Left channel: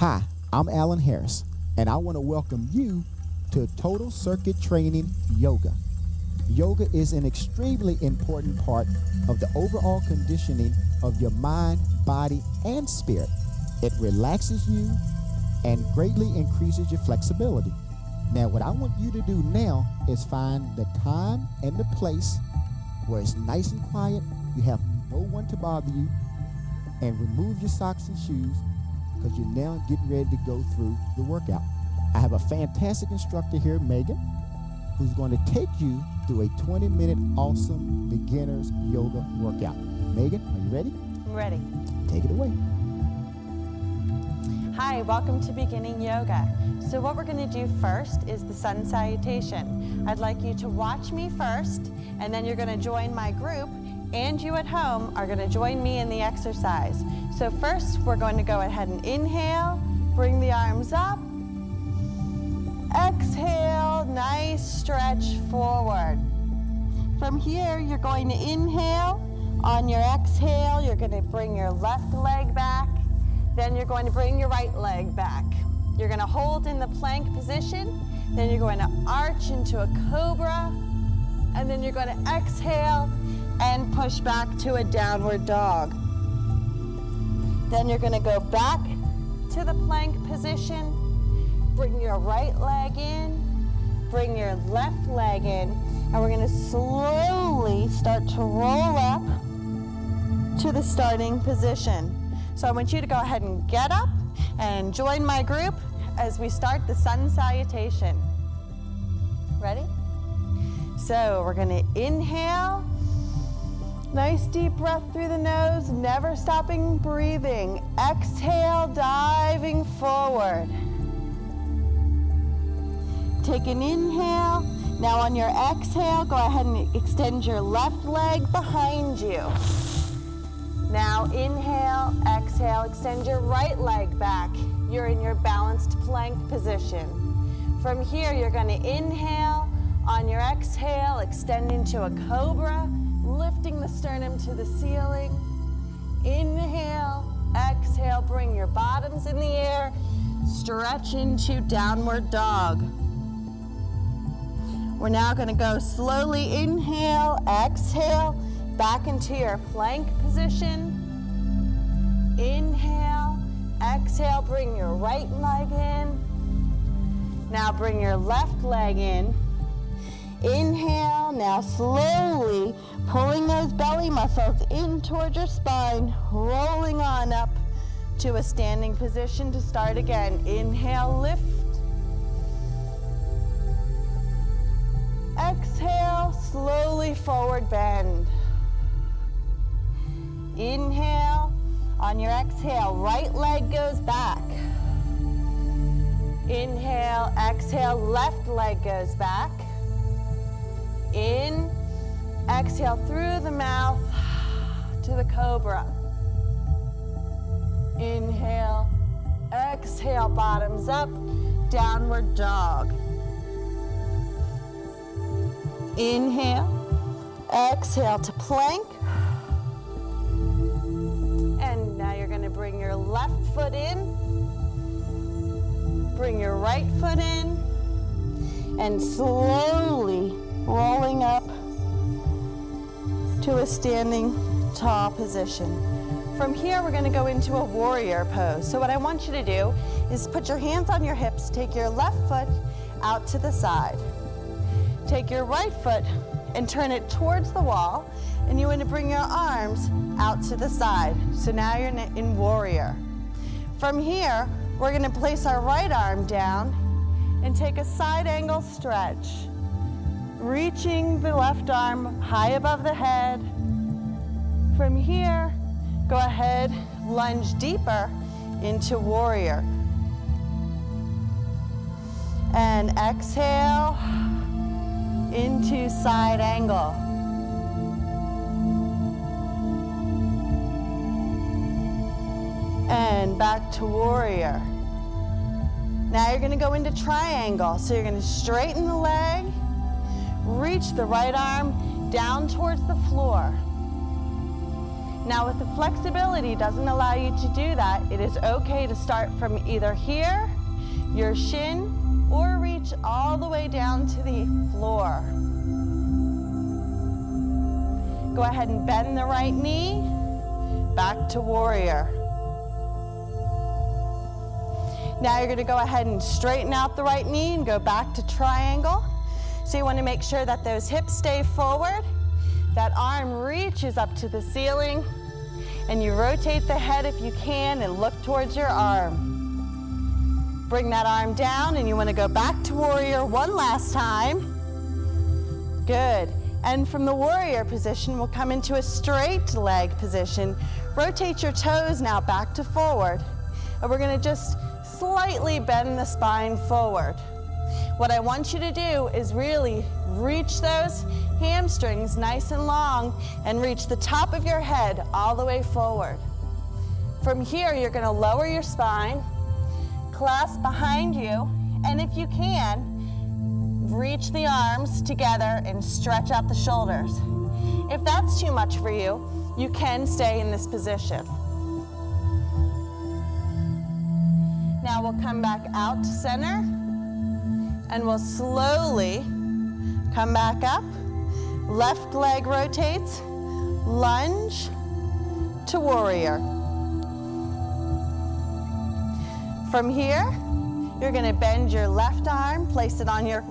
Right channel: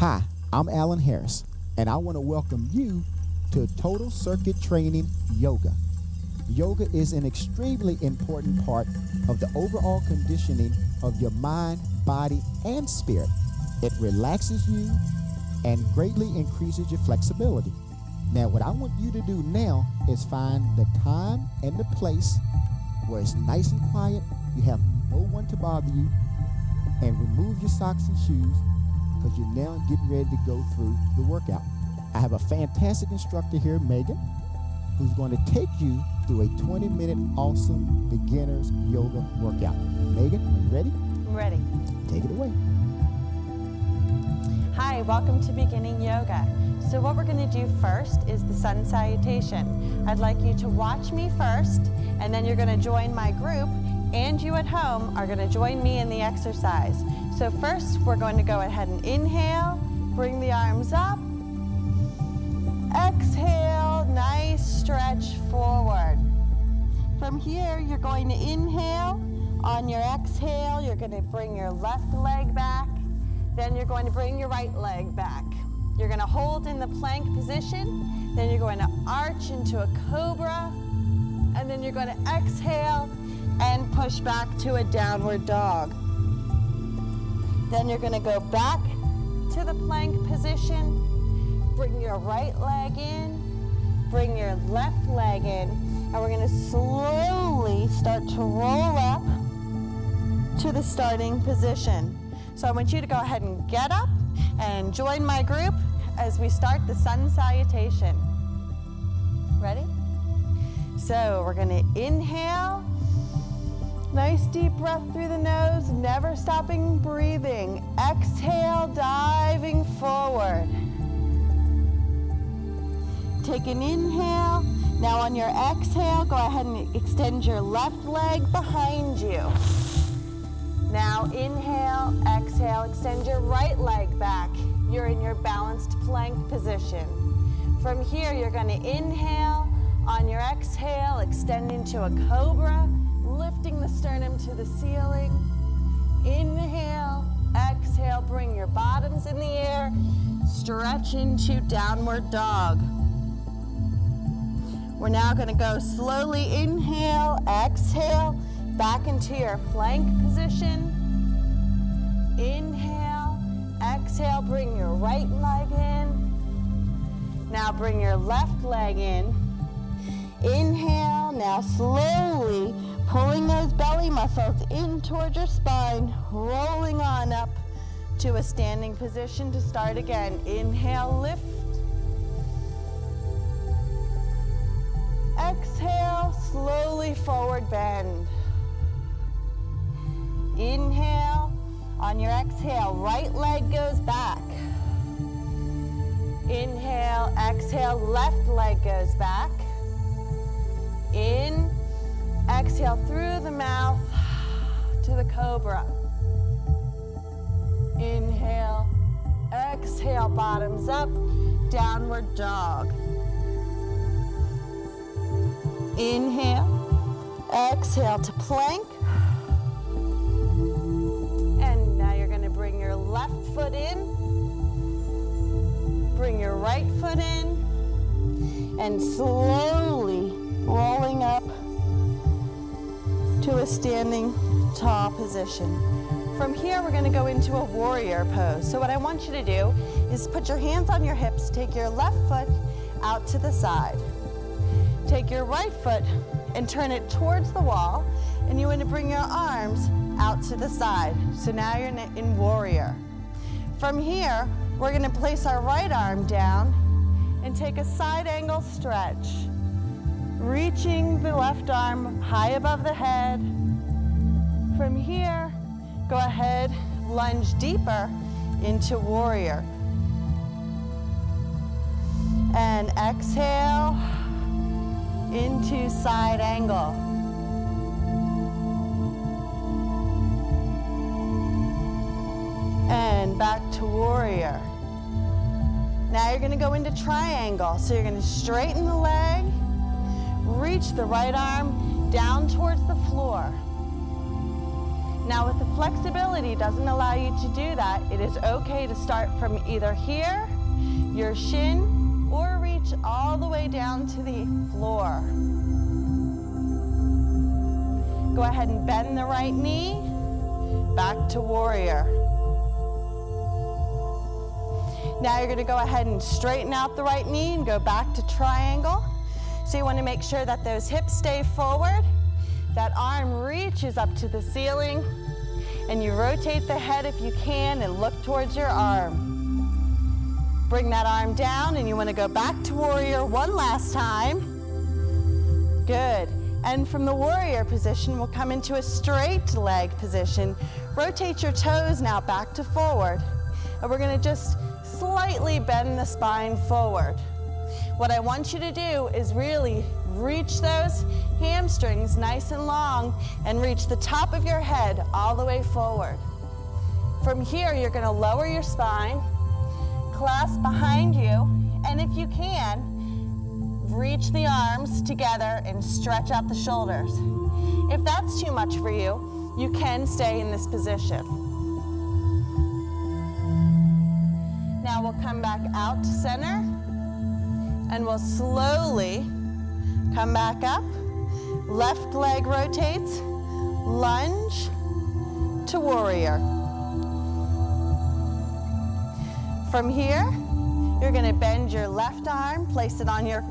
Hi, I'm Alan Harris, and I want to welcome you to Total Circuit Training Yoga. Yoga is an extremely important part of the overall conditioning of your mind, body, and spirit. It relaxes you and greatly increases your flexibility. Now, what I want you to do now is find the time and the place where it's nice and quiet, you have no one to bother you, and remove your socks and shoes because you're now getting ready to go through the workout. I have a fantastic instructor here, Megan, who's going to take you through a 20-minute awesome beginner's yoga workout. Megan, are you ready? I'm ready. Take it away. Hi, welcome to Beginning Yoga. So what we're going to do first is the sun salutation. I'd like you to watch me first, and then you're going to join my group, and you at home are going to join me in the exercise. So first, we're going to go ahead and inhale, bring the arms up. Exhale, nice stretch forward. From here, you're going to inhale. On your exhale, you're going to bring your left leg back. Then you're going to bring your right leg back. You're going to hold in the plank position. Then you're going to arch into a cobra. And then you're going to exhale and push back to a downward dog. Then you're going to go back to the plank position. Bring your right leg in. Bring your left leg in. And we're going to slowly start to roll up to the starting position. So I want you to go ahead and get up and join my group as we start the sun salutation. Ready? So we're going to inhale. Nice deep breath through the nose, never stopping breathing. Exhale, diving forward. Take an inhale. Now on your exhale, go ahead and extend your left leg behind you. Now inhale, exhale, extend your right leg back. You're in your balanced plank position. From here, you're going to inhale. On your exhale, extend into a cobra, lifting the sternum to the ceiling. Inhale, exhale, bring your bottoms in the air. Stretch into downward dog. We're now going to go slowly inhale, exhale, back into your plank position. Inhale, exhale, bring your right leg in. Now bring your left leg in. Inhale, now slowly pulling those belly muscles in towards your spine, rolling on up to a standing position to start again. Inhale, lift. Exhale, slowly forward bend. Inhale. On your exhale, right leg goes back. Inhale, exhale, left leg goes back. In, exhale through the mouth to the cobra. Inhale, exhale, bottoms up, downward dog. Inhale, exhale to plank. And now you're going to bring your left foot in, bring your right foot in, and slowly rolling up to a standing tall position. From here, we're going to go into a warrior pose. So what I want you to do is put your hands on your hips, take your left foot out to the side. Take your right foot and turn it towards the wall, and you want to bring your arms out to the side. So now you're in warrior. From here, we're going to place our right arm down and take a side angle stretch, reaching the left arm high above the head. From here, go ahead, lunge deeper into warrior. And exhale into side angle. And back to warrior. Now you're going to go into triangle. So you're going to straighten the leg, reach the right arm down towards the floor. Now, if the flexibility doesn't allow you to do that, it is okay to start from either here, your shin, or reach all the way down to the floor. Go ahead and bend the right knee, back to warrior. Now you're gonna go ahead and straighten out the right knee and go back to triangle. So you wanna make sure that those hips stay forward, that arm reaches up to the ceiling, and you rotate the head if you can and look towards your arm. Bring that arm down and you wanna go back to warrior one last time. Good. And from the warrior position, we'll come into a straight leg position. Rotate your toes now back to forward. And we're gonna just slightly bend the spine forward. What I want you to do is really reach those hamstrings nice and long and reach the top of your head all the way forward. From here, you're gonna lower your spine, clasp behind you, and if you can, reach the arms together and stretch out the shoulders. If that's too much for you, you can stay in this position. Now we'll come back out to center, and we'll slowly come back up. Left leg rotates, lunge to warrior. From here, you're gonna bend your left arm, place it on your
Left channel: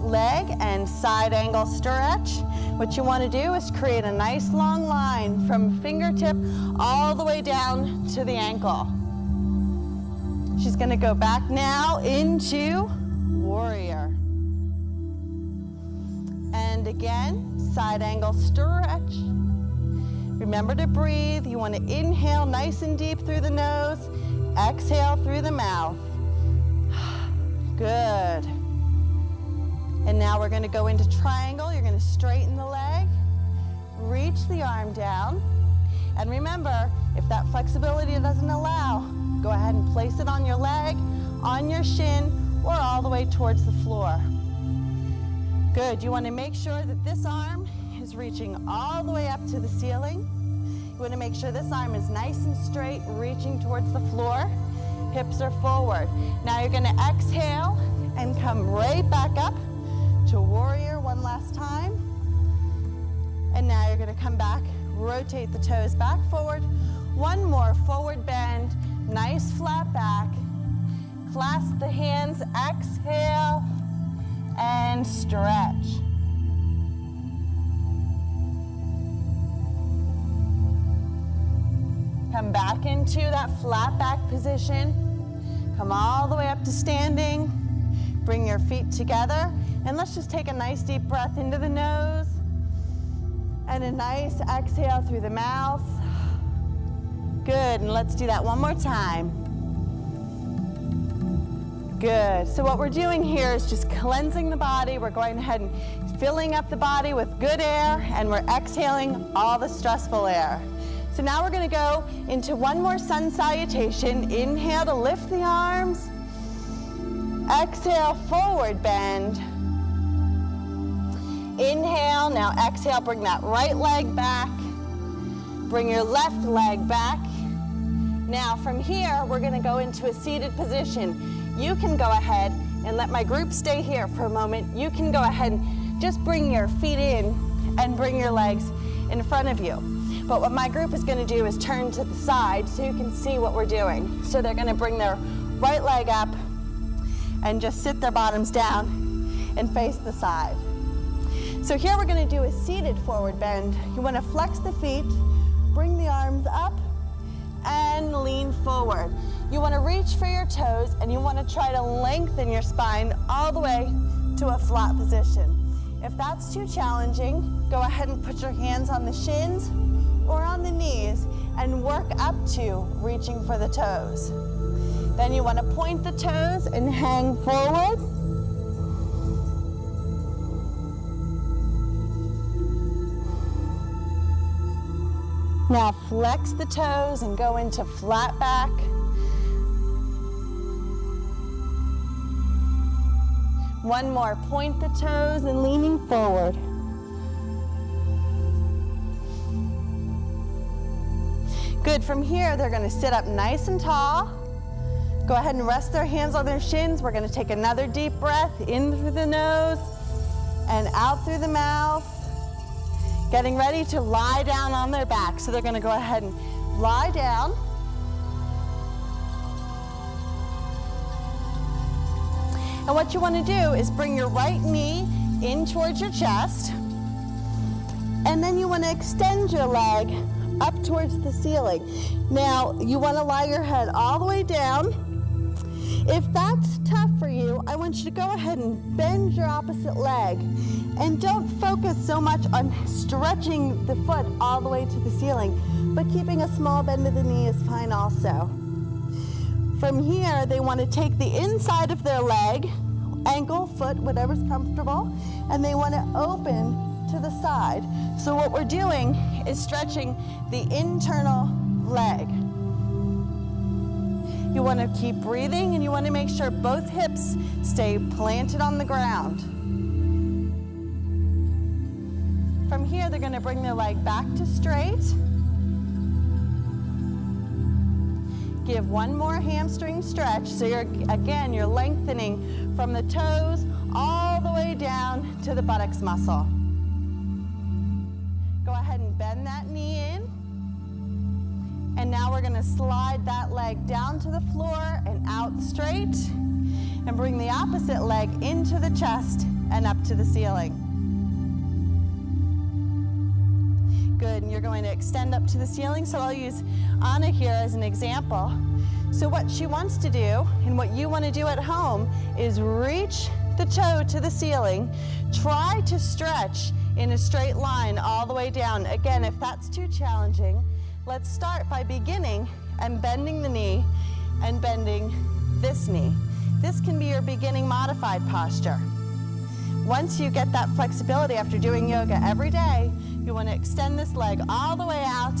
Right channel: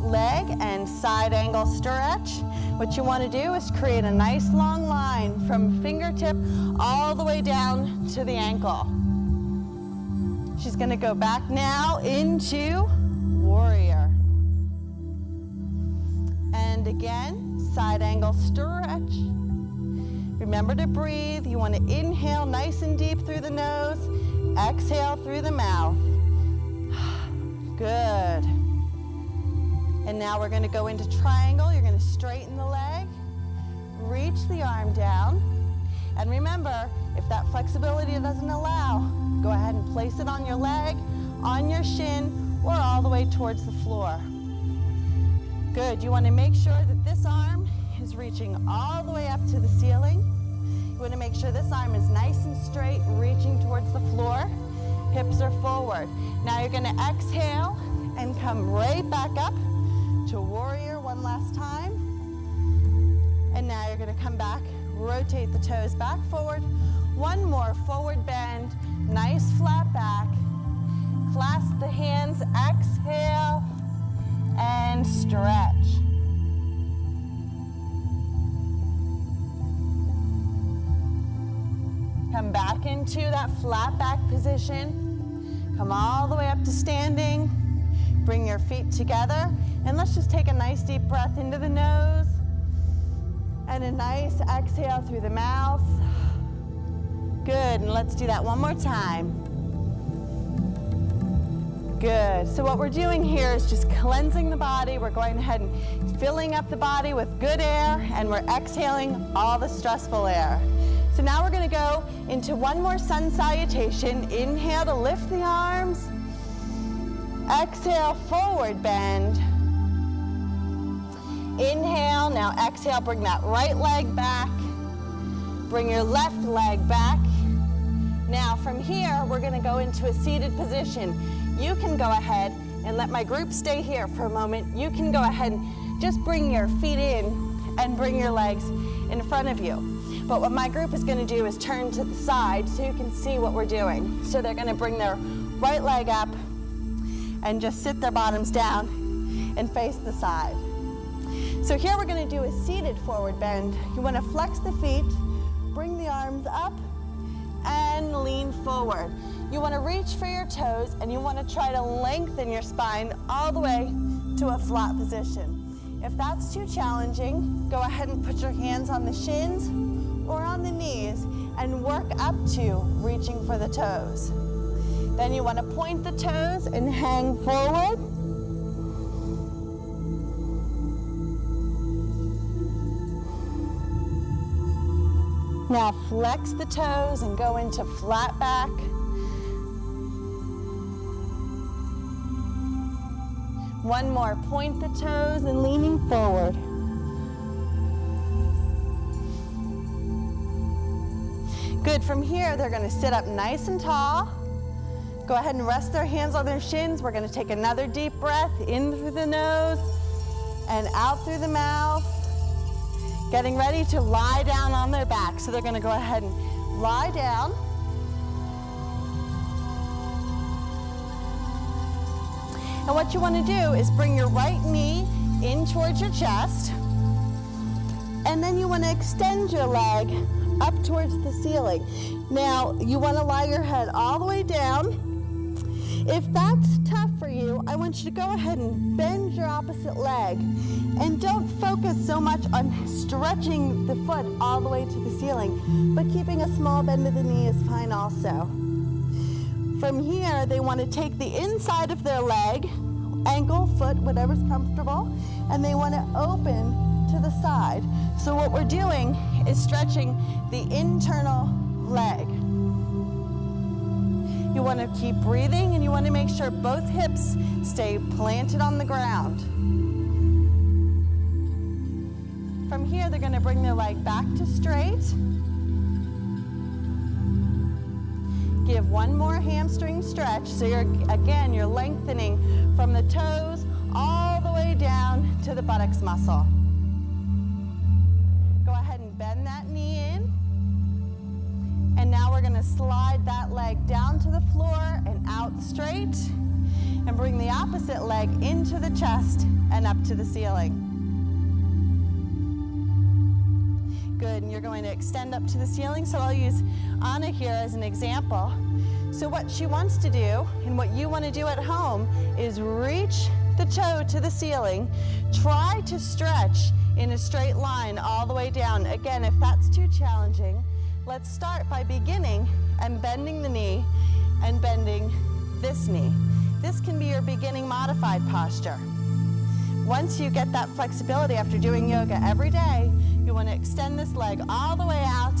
leg, and side angle stretch. What you wanna do is create a nice long line from fingertip all the way down to the ankle. She's gonna go back now into warrior. And again, side angle stretch. Remember to breathe. You want to inhale nice and deep through the nose, exhale through the mouth. Good. And now we're going to go into triangle. You're going to straighten the leg, reach the arm down, and remember, if that flexibility doesn't allow, go ahead and place it on your leg, on your shin, or all the way towards the floor. Good. You want to make sure that this arm is reaching all the way up to the ceiling. You want to make sure this arm is nice and straight, reaching towards the floor. Hips are forward. Now you're going to exhale and come right back up to warrior one last time. And now you're going to come back, rotate the toes back forward. One more forward bend, nice flat back. Clasp the hands, exhale, and stretch. Come back into that flat back position. Come all the way up to standing. Bring your feet together, and let's just take a nice deep breath into the nose, and a nice exhale through the mouth. Good, and let's do that one more time. Good. So what we're doing here is just cleansing the body. We're going ahead and filling up the body with good air, and we're exhaling all the stressful air. So now we're going to go into one more sun salutation. Inhale to lift the arms. Exhale, forward bend. Inhale, now exhale, bring that right leg back. Bring your left leg back. Now from here, we're going to go into a seated position. You can go ahead and let my group stay here for a moment. You can go ahead and just bring your feet in and bring your legs in front of you. But what my group is going to do is turn to the side so you can see what we're doing. So they're going to bring their right leg up and just sit their bottoms down and face the side. So here we're going to do a seated forward bend. You want to flex the feet, bring the arms up, and lean forward. You want to reach for your toes, and you want to try to lengthen your spine all the way to a flat position. If that's too challenging, go ahead and put your hands on the shins or on the knees and work up to reaching for the toes. Then you want to point the toes and hang forward. Now flex the toes and go into flat back. One more, point the toes and leaning forward. Good, from here, they're gonna sit up nice and tall. Go ahead and rest their hands on their shins. We're gonna take another deep breath in through the nose and out through the mouth. Getting ready to lie down on their back. So they're gonna go ahead and lie down. And what you wanna do is bring your right knee in towards your chest. And then you wanna extend your leg up towards the ceiling. Now, you wanna lie your head all the way down. If that's tough for you, I want you to go ahead and bend your opposite leg. And don't focus so much on stretching the foot all the way to the ceiling, but keeping a small bend of the knee is fine also. From here, they want to take the inside of their leg, ankle, foot, whatever's comfortable, and they want to open to the side. So what we're doing is stretching the internal leg. You want to keep breathing, and you want to make sure both hips stay planted on the ground. From here, they're going to bring their leg back to straight. Give one more hamstring stretch. So you're lengthening from the toes all the way down to the buttocks muscle. Go ahead and bend that knee in. And now we're going to slide that leg down to the floor and out straight. And bring the opposite leg into the chest and up to the ceiling. Good, and you're going to extend up to the ceiling. So I'll use Anna here as an example. So what she wants to do, and what you want to do at home, is reach the toe to the ceiling. Try to stretch in a straight line all the way down. Again, if that's too challenging, let's start by beginning and bending the knee and bending this knee. This can be your beginning modified posture. Once you get that flexibility after doing yoga every day, you want to extend this leg all the way out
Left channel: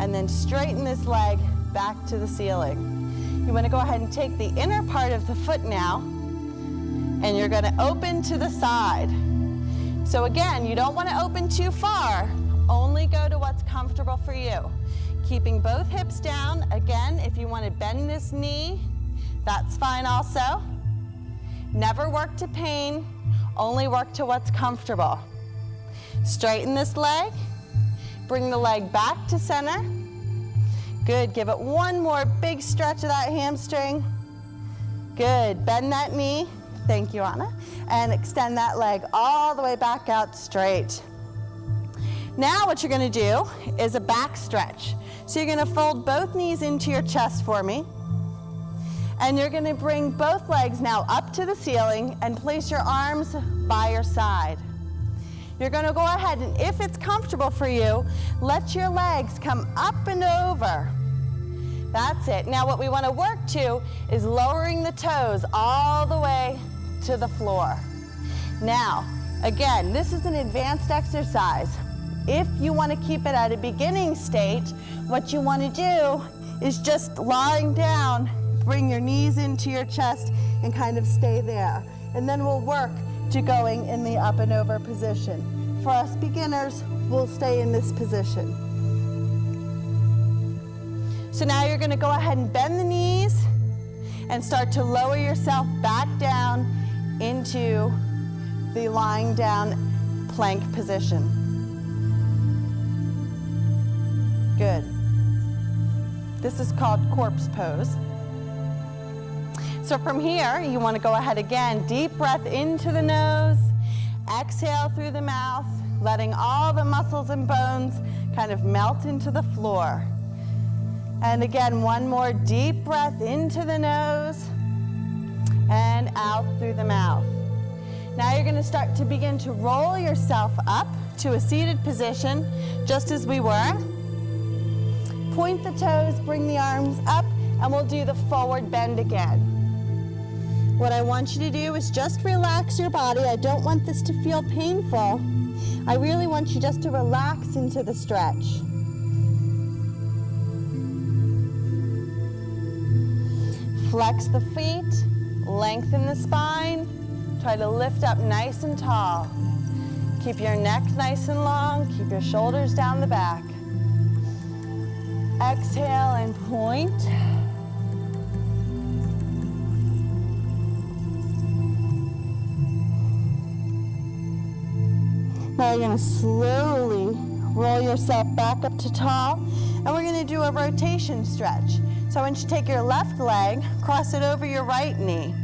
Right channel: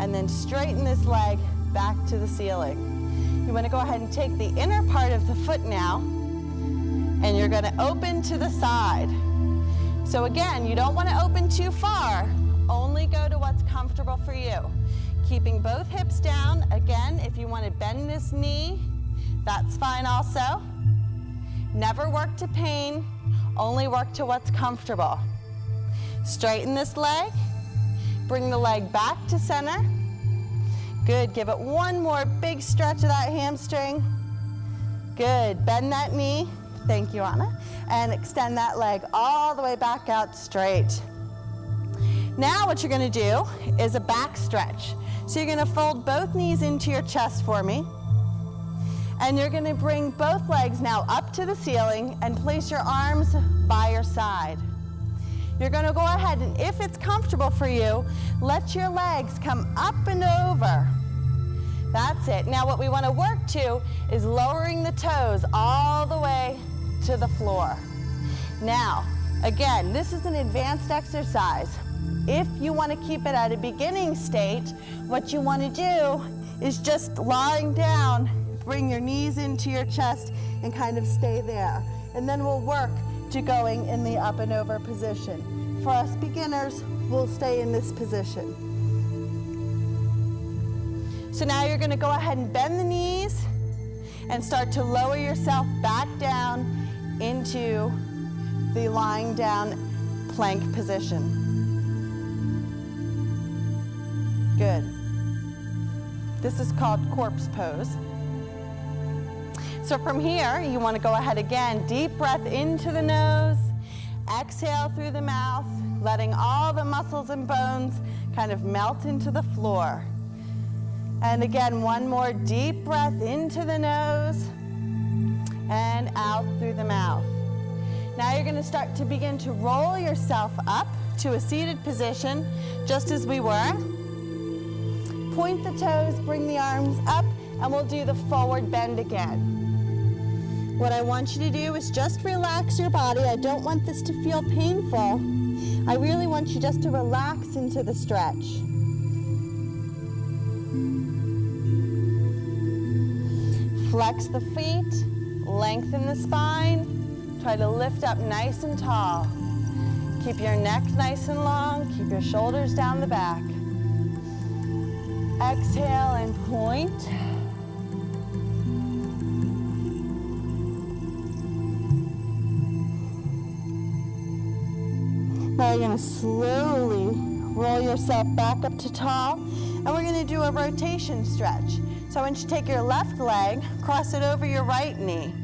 and then straighten this leg back to the ceiling. You want to go ahead and take the inner part of the foot now, and you're going to open to the side. So again, you don't want to open too far, only go to what's comfortable for you. Keeping both hips down. Again, if you want to bend this knee, that's fine also. Never work to pain, only work to what's comfortable. Straighten this leg, bring the leg back to center. Good, give it one more big stretch of that hamstring. Good, bend that knee, thank you, Anna, and extend that leg all the way back out straight. Now what you're gonna do is a back stretch. So you're gonna fold both knees into your chest for me, and you're gonna bring both legs now up to the ceiling and place your arms by your side. You're gonna go ahead, and if it's comfortable for you, let your legs come up and over. That's it. Now what we wanna work to is lowering the toes all the way to the floor. Now, again, this is an advanced exercise. If you wanna keep it at a beginning state, what you wanna do is just lying down, bring your knees into your chest and kind of stay there. And then we'll work to going in the up and over position. For us beginners, we'll stay in this position. So now you're gonna go ahead and bend the knees and start to lower yourself back down into the lying down plank position. Good. This is called corpse pose. So from here, you want to go ahead again, deep breath into the nose, exhale through the mouth, letting all the muscles and bones kind of melt into the floor. And again, one more deep breath into the nose and out through the mouth. Now you're going to start to begin to roll yourself up to a seated position, just as we were. Point the toes, bring the arms up, and we'll do the forward bend again. What I want you to do is just relax your body. I don't want this to feel painful. I really want you just to relax into the stretch. Flex the feet, lengthen the spine, try to lift up nice and tall. Keep your neck nice and long, keep your shoulders down the back. Exhale and point. Now you're going to slowly roll yourself back up to tall, and we're going to do a rotation stretch. So I want you to take your left leg, cross it over your right knee.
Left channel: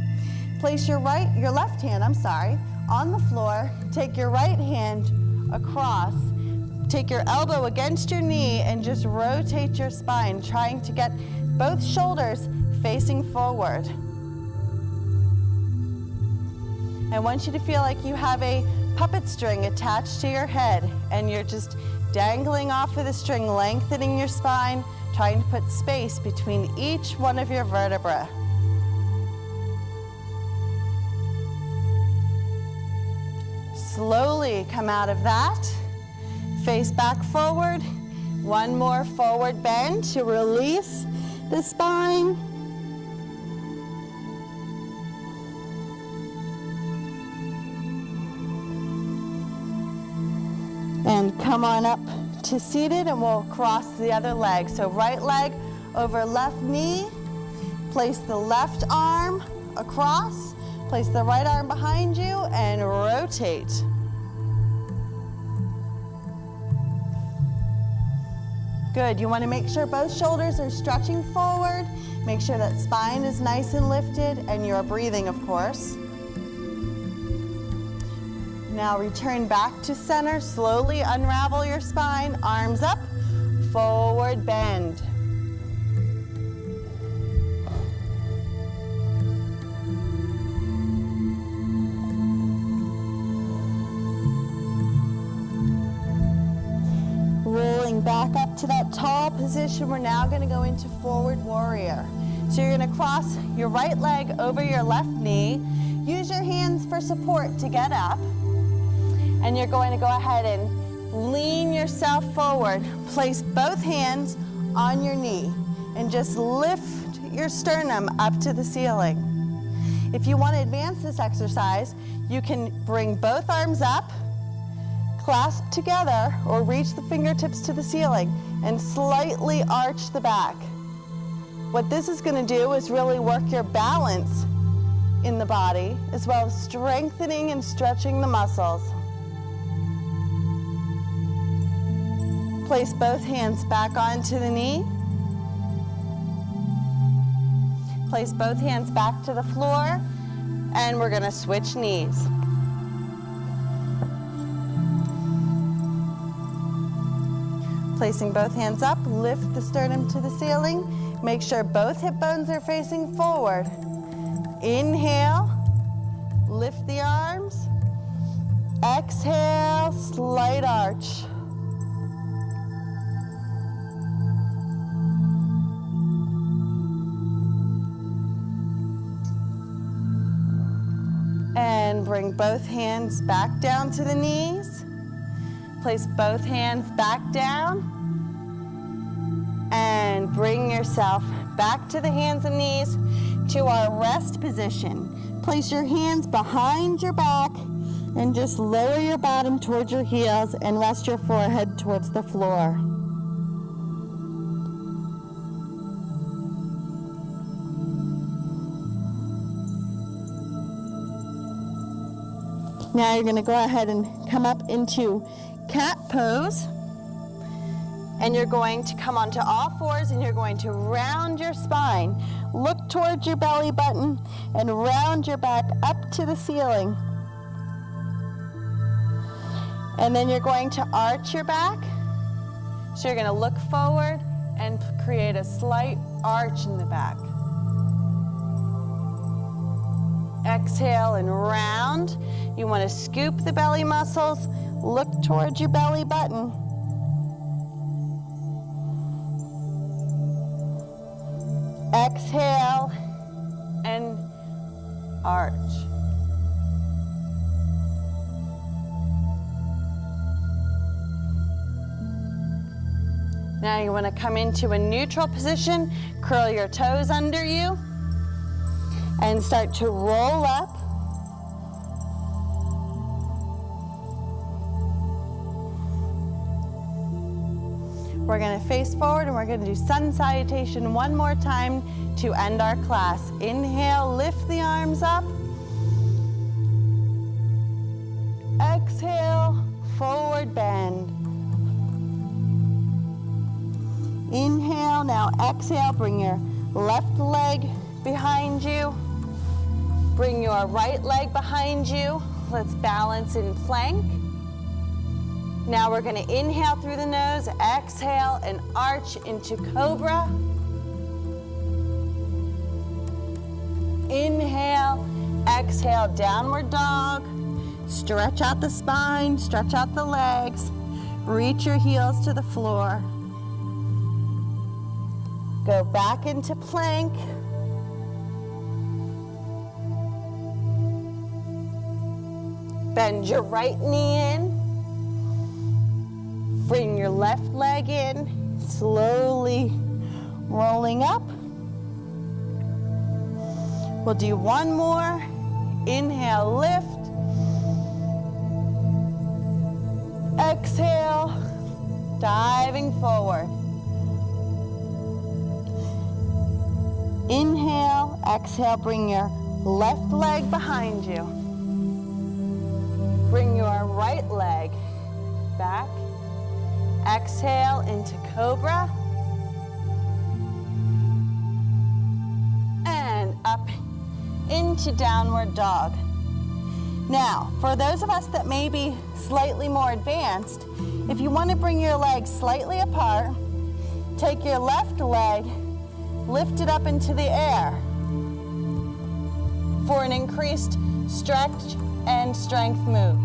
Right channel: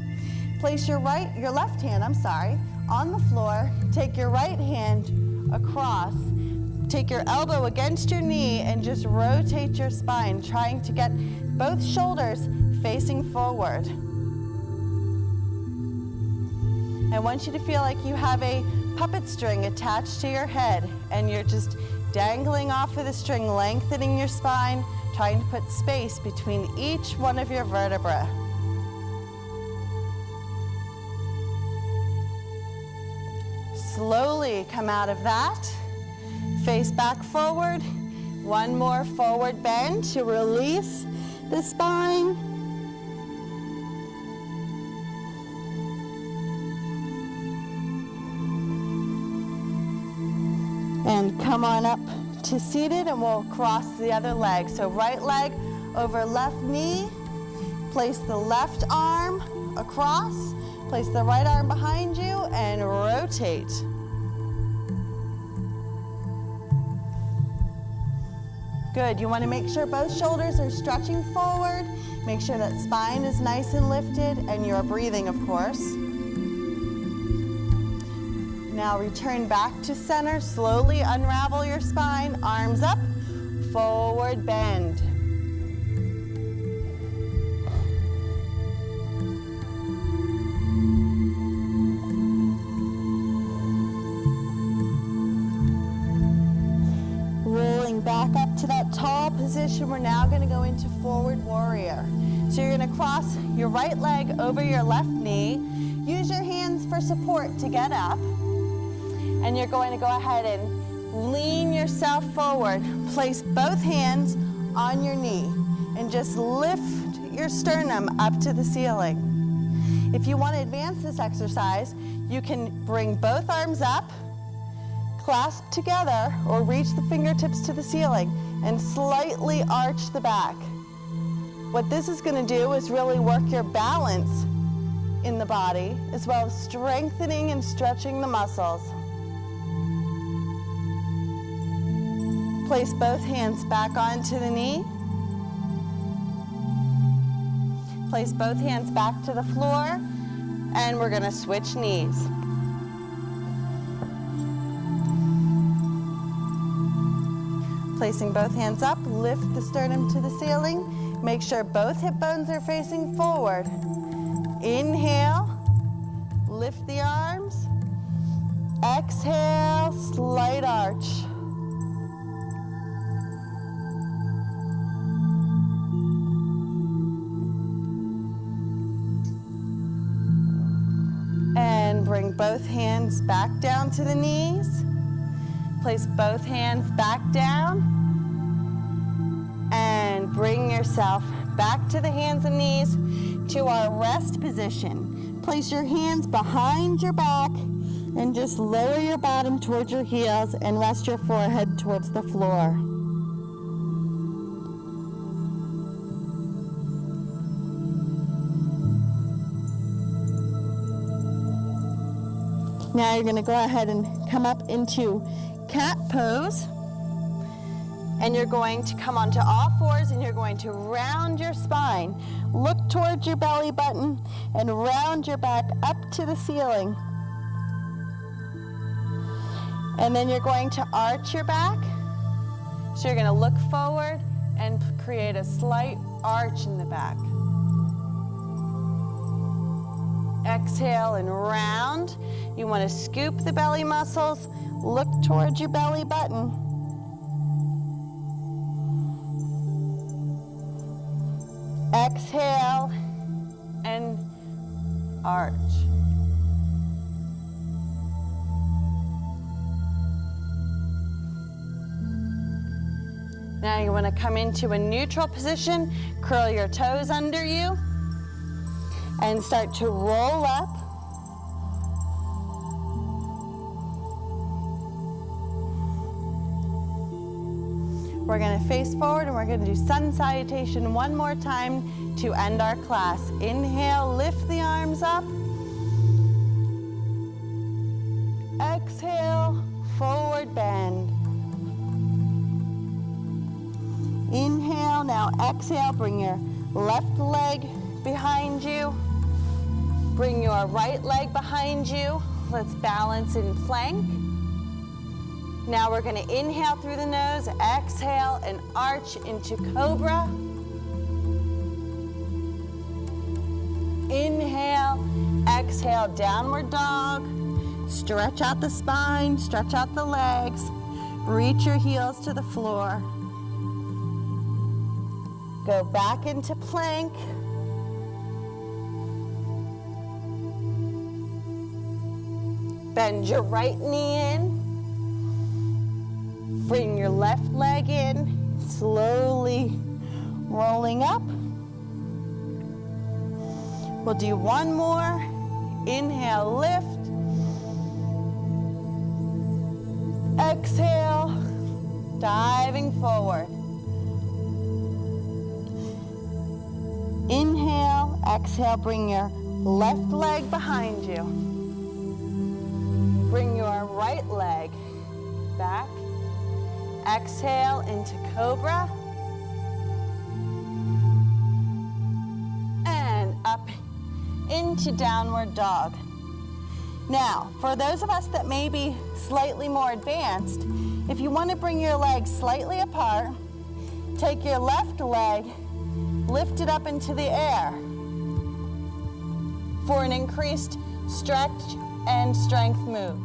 Place your left hand, on the floor. Take your right hand across. Take your elbow against your knee and just rotate your spine, trying to get both shoulders facing forward. I want you to feel like you have a puppet string attached to your head, and you're just dangling off of the string, lengthening your spine, trying to put space between each one of your vertebrae. Slowly come out of that. Face back forward. One more forward bend to release the spine. And come on up to seated, and we'll cross the other leg. So right leg over left knee. Place the left arm across. Place the right arm behind you and rotate. Good. You want to make sure both shoulders are stretching forward. Make sure that spine is nice and lifted, and you're breathing, of course. Now return back to center. Slowly unravel your spine. Arms up. Forward bend. Rolling back up to that tall position, we're now going to go into forward warrior. So you're going to cross your right leg over your left knee. Use your hands for support to get up. And you're going to go ahead and lean yourself forward. Place both hands on your knee and just lift your sternum up to the ceiling. If you want to advance this exercise, you can bring both arms up, clasp together, or reach the fingertips to the ceiling and slightly arch the back. What this is going to do is really work your balance in the body, as well as strengthening and stretching the muscles. Place both hands back onto the knee. Place both hands back to the floor, and we're going to switch knees. Placing both hands up, lift the sternum to the ceiling. Make sure both hip bones are facing forward. Inhale, lift the arms. Exhale, slight arch. And bring both hands back down to the knees. Place both hands back down. And bring yourself back to the hands and knees to our rest position. Place your hands behind your back and just lower your bottom towards your heels and rest your forehead towards the floor. Now you're going to go ahead and come up into cat pose. And you're going to come onto all fours, and you're going to round your spine. Look towards your belly button and round your back up to the ceiling. And then you're going to arch your back. So you're going to look forward and create a slight arch in the back. Exhale and round. You want to scoop the belly muscles. Look towards your belly button. Exhale and arch. Now you want to come into a neutral position, curl your toes under you, and start to roll up. We're gonna face forward and we're gonna do sun salutation one more time to end our class. Inhale, lift the arms up. Exhale, forward bend. Inhale, now exhale, bring your left leg behind you. Bring your right leg behind you. Let's balance in plank. Now we're gonna inhale through the nose, exhale, and arch into cobra. Inhale, exhale, downward dog. Stretch out the spine, stretch out the legs. Reach your heels to the floor. Go back into plank. Bend your right knee in. Bring your left leg in, slowly rolling up. We'll do one more. Inhale, lift. Exhale, diving forward. Inhale, exhale, bring your left leg behind you. Bring your right leg back. Exhale into cobra. And up into downward dog. Now, for those of us that may be slightly more advanced, if you want to bring your legs slightly apart, take your left leg, lift it up into the air for an increased stretch and strength move.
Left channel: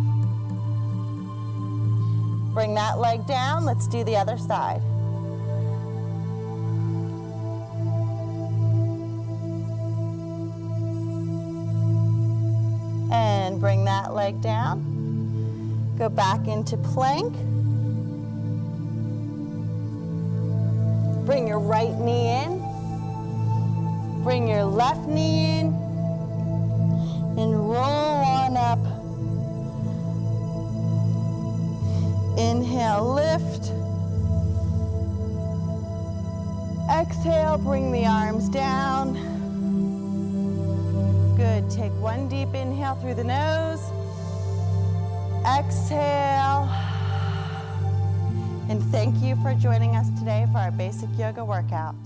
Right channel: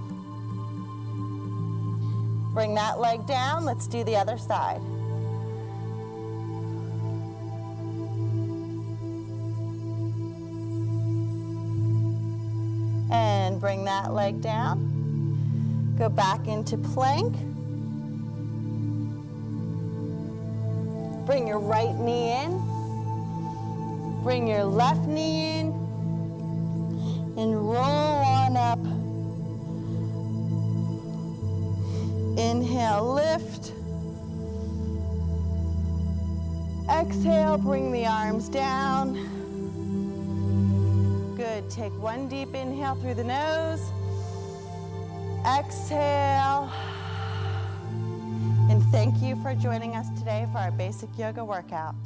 Bring that leg down. Let's do the other side. And bring that leg down. Go back into plank. Bring your right knee in. Bring your left knee in. And roll on up. Inhale, lift. Exhale, bring the arms down. Good, take one deep inhale through the nose. Exhale. And thank you for joining us today for our basic yoga workout.